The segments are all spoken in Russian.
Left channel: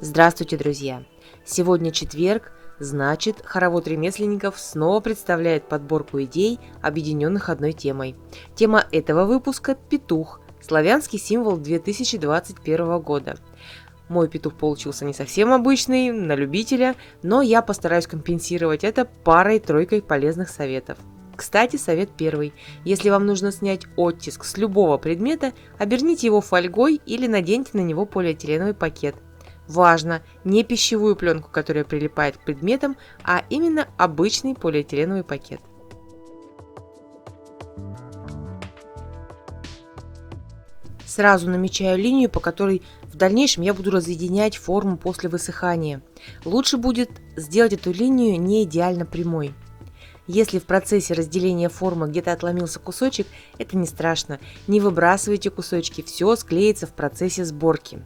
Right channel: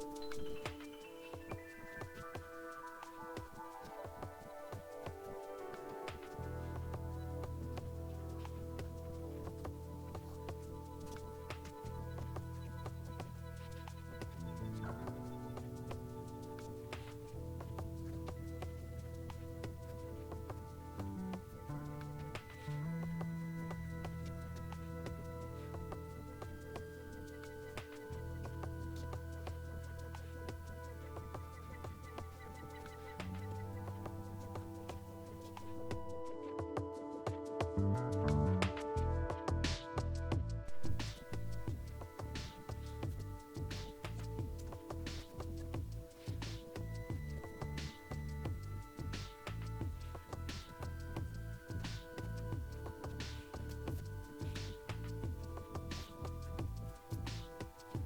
Здравствуйте, друзья! Сегодня четверг, значит, хоровод ремесленников снова представляет подборку идей, объединенных одной темой. Тема этого выпуска – петух, славянский символ 2021 года. Мой петух получился не совсем обычный, на любителя, но я постараюсь компенсировать это парой-тройкой полезных советов. Кстати, совет первый. Если вам нужно снять оттиск с любого предмета, оберните его фольгой или наденьте на него полиэтиленовый пакет. Важно, не пищевую пленку, которая прилипает к предметам, а именно обычный полиэтиленовый пакет. Сразу намечаю линию, по которой в дальнейшем я буду разъединять форму после высыхания. Лучше будет сделать эту линию не идеально прямой. Если в процессе разделения формы где-то отломился кусочек, это не страшно. Не выбрасывайте кусочки, все склеится в процессе сборки.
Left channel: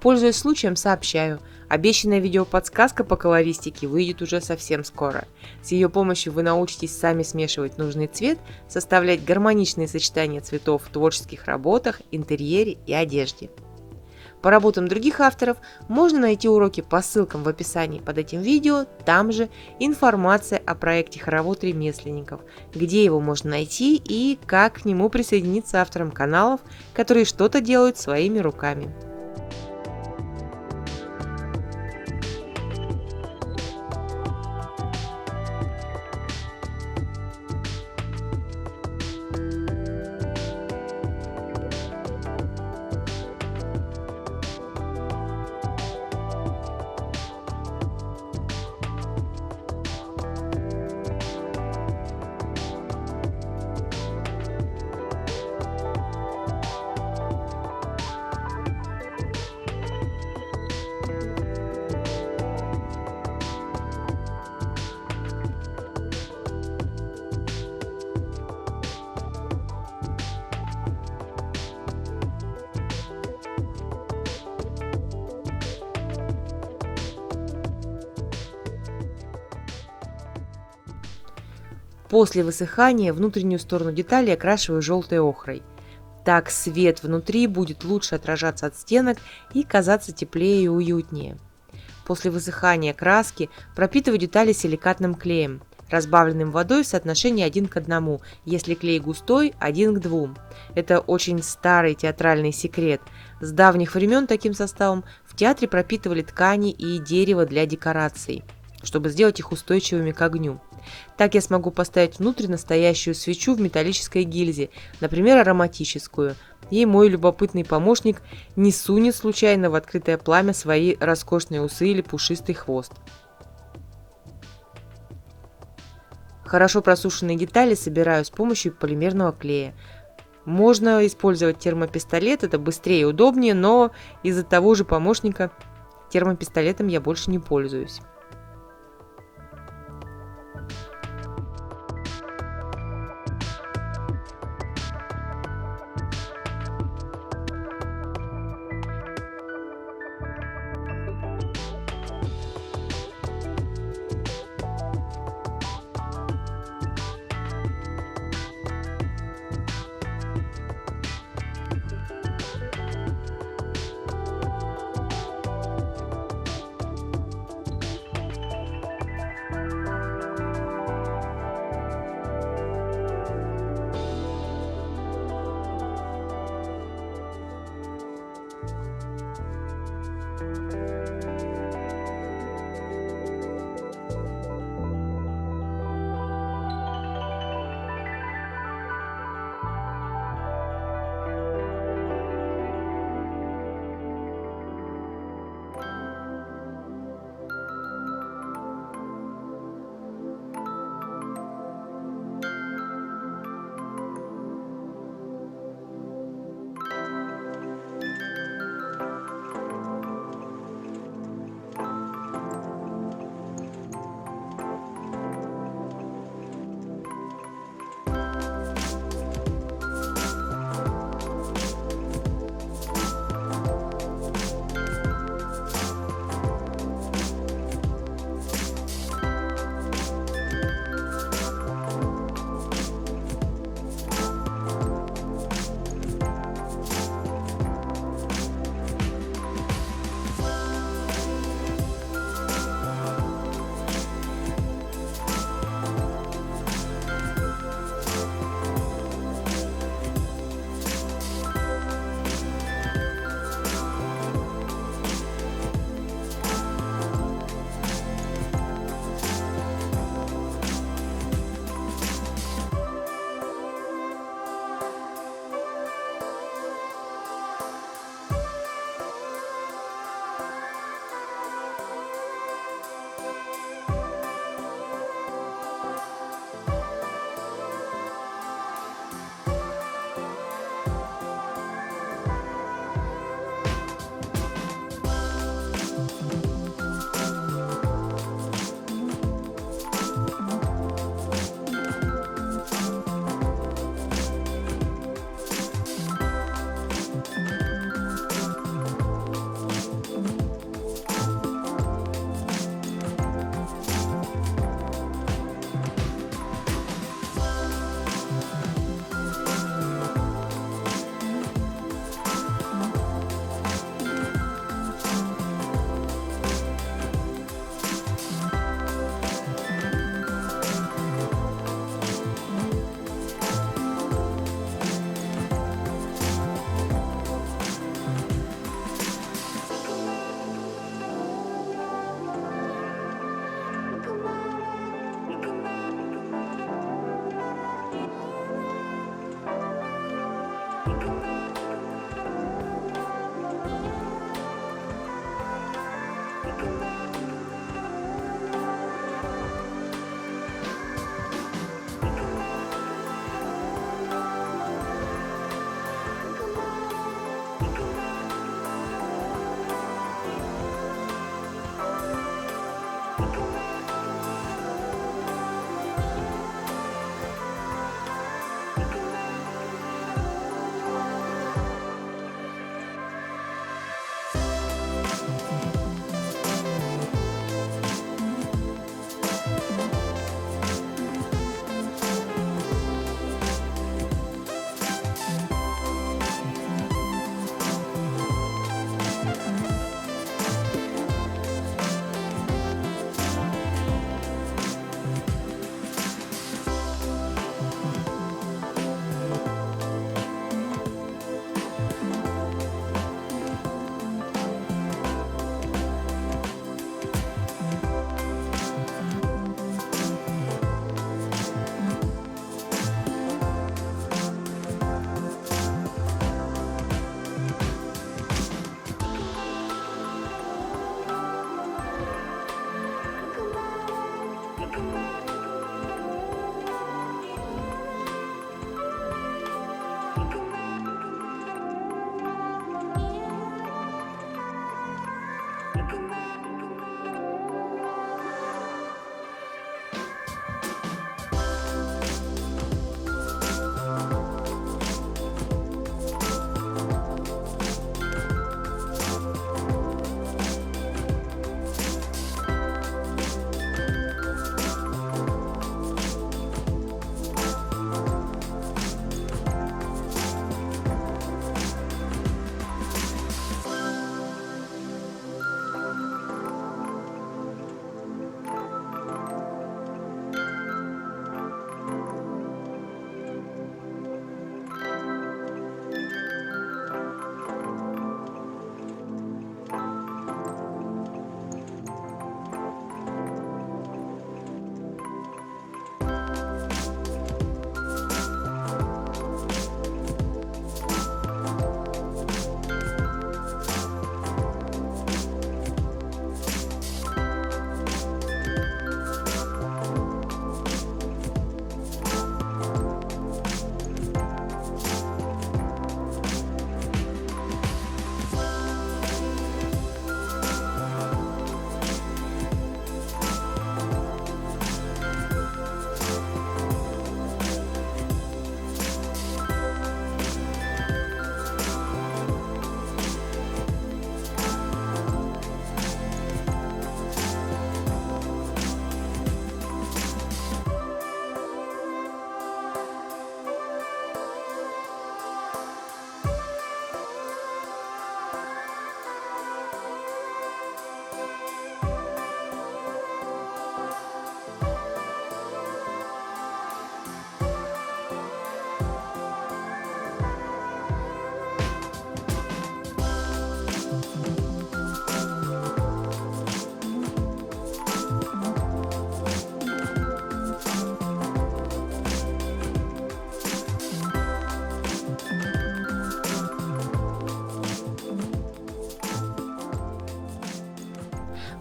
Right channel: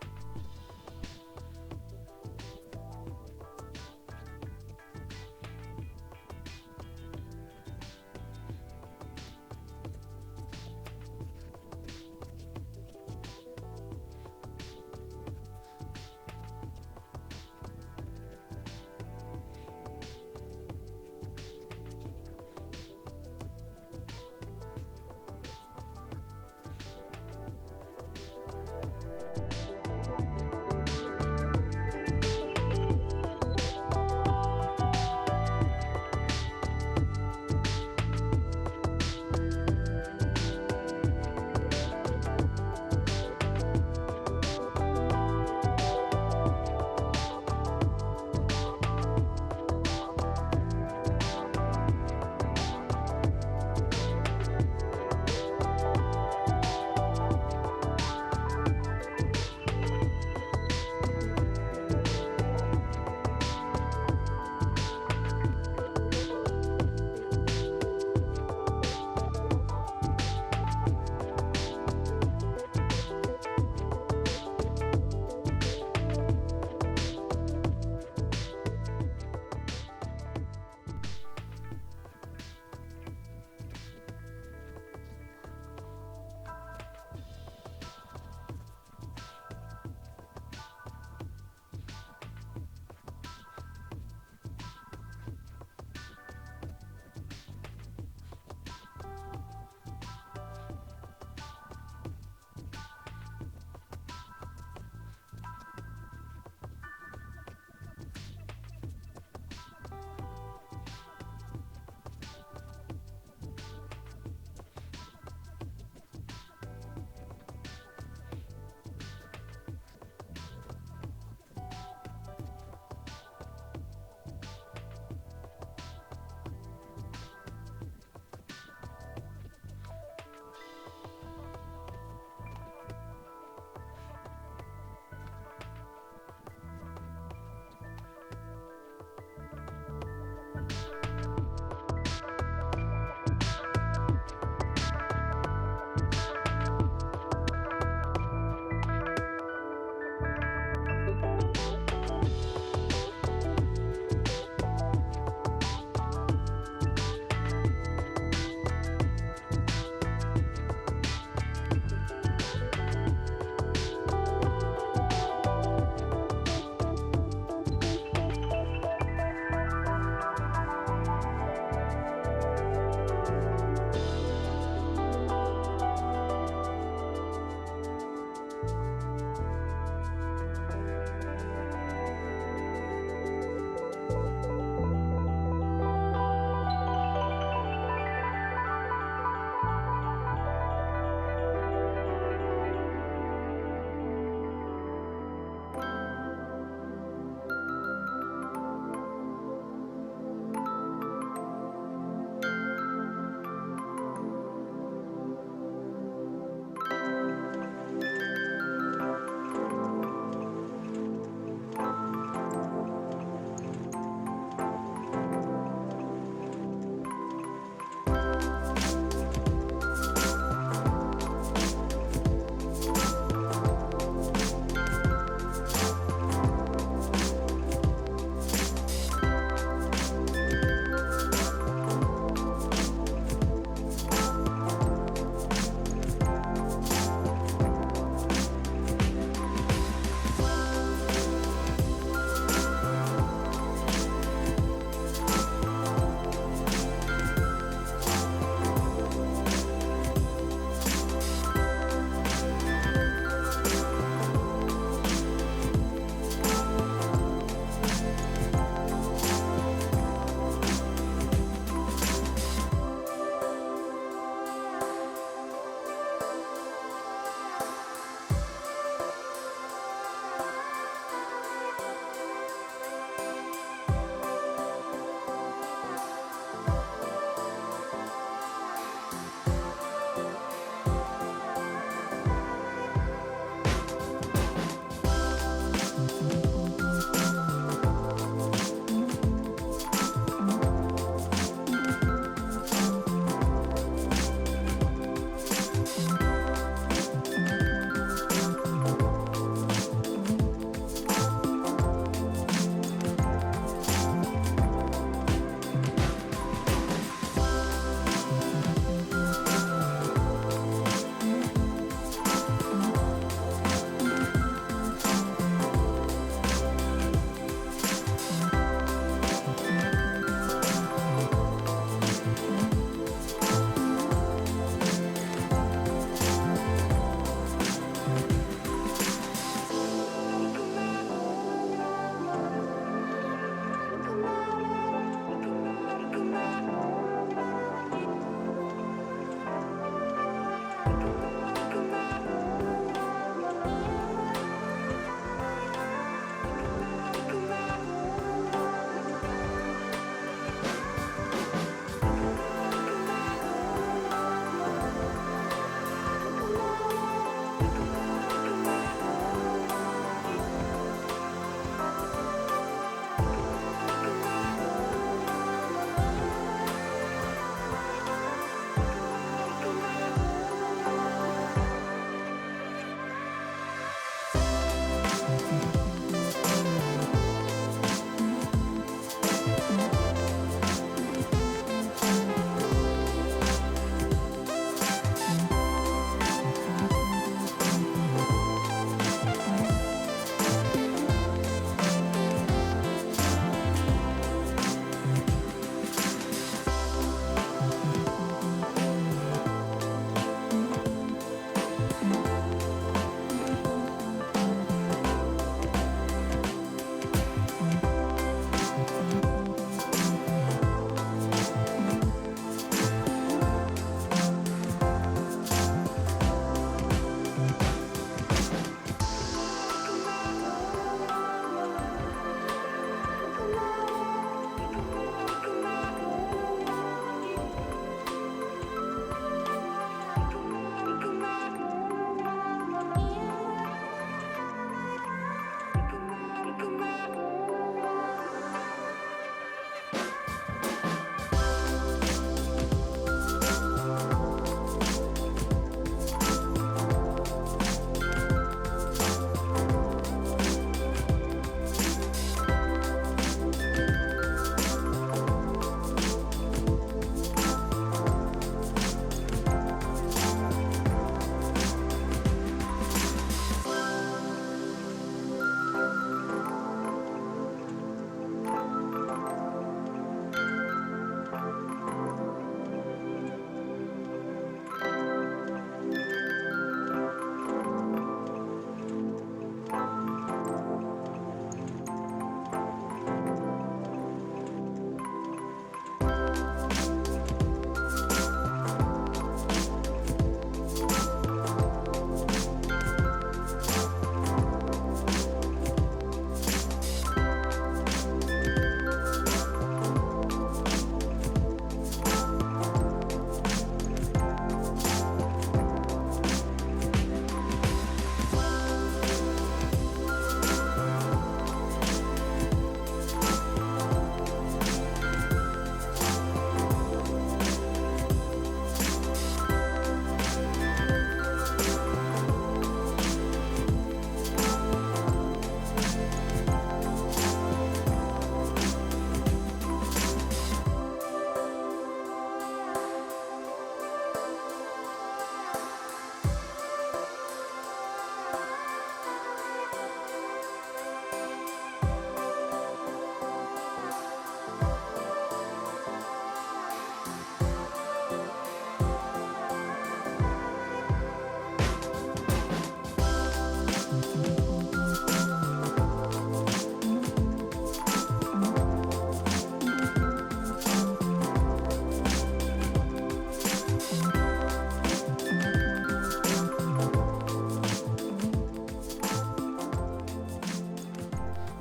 Пользуясь случаем, сообщаю, обещанная видеоподсказка по колористике выйдет уже совсем скоро. С ее помощью вы научитесь сами смешивать нужный цвет, составлять гармоничные сочетания цветов в творческих работах, интерьере и одежде. По работам других авторов можно найти уроки по ссылкам в описании под этим видео, там же информация о проекте «Хоровод ремесленников», где его можно найти и как к нему присоединиться авторам каналов, которые что-то делают своими руками. После высыхания внутреннюю сторону детали окрашиваю желтой охрой. Так свет внутри будет лучше отражаться от стенок и казаться теплее и уютнее. После высыхания краски пропитываю детали силикатным клеем, разбавленным водой в соотношении 1 к 1, если клей густой – 1 к 2. Это очень старый театральный секрет. С давних времен таким составом в театре пропитывали ткани и дерево для декораций, чтобы сделать их устойчивыми к огню. Так я смогу поставить внутрь настоящую свечу в металлической гильзе, например, ароматическую, и мой любопытный помощник не сунет случайно в открытое пламя свои роскошные усы или пушистый хвост. Хорошо просушенные детали собираю с помощью полимерного клея. Можно использовать термопистолет, это быстрее и удобнее, но из-за того же помощника термопистолетом я больше не пользуюсь.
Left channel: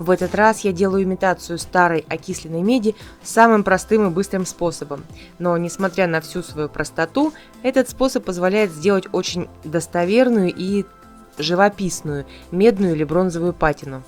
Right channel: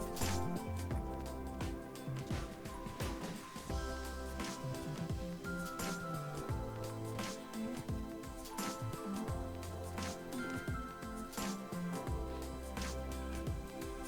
В этот раз я делаю имитацию старой окисленной меди самым простым и быстрым способом. Но, несмотря на всю свою простоту, этот способ позволяет сделать очень достоверную и живописную медную или бронзовую патину.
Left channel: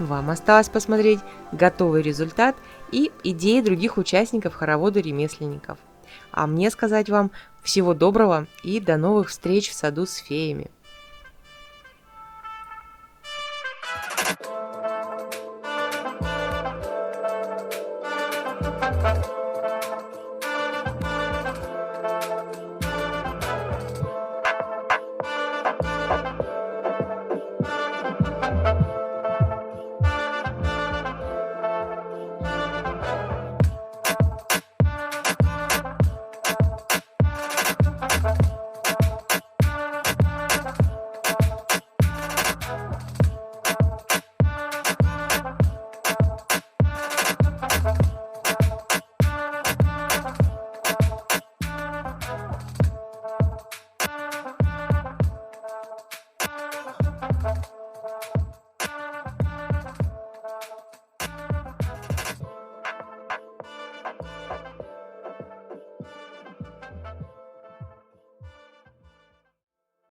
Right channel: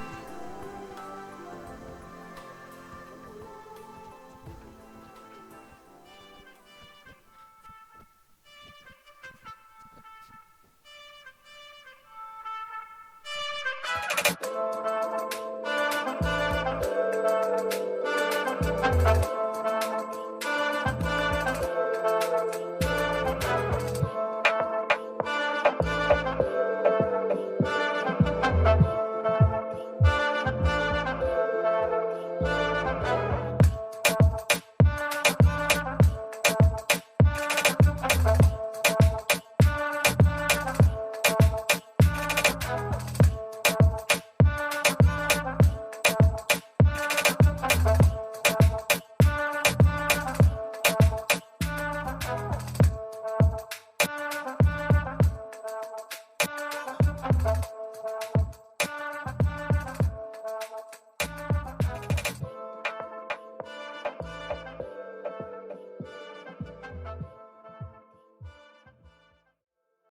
Вам осталось посмотреть готовый результат и идеи других участников хоровода ремесленников. А мне сказать вам всего доброго и до новых встреч в саду с феями.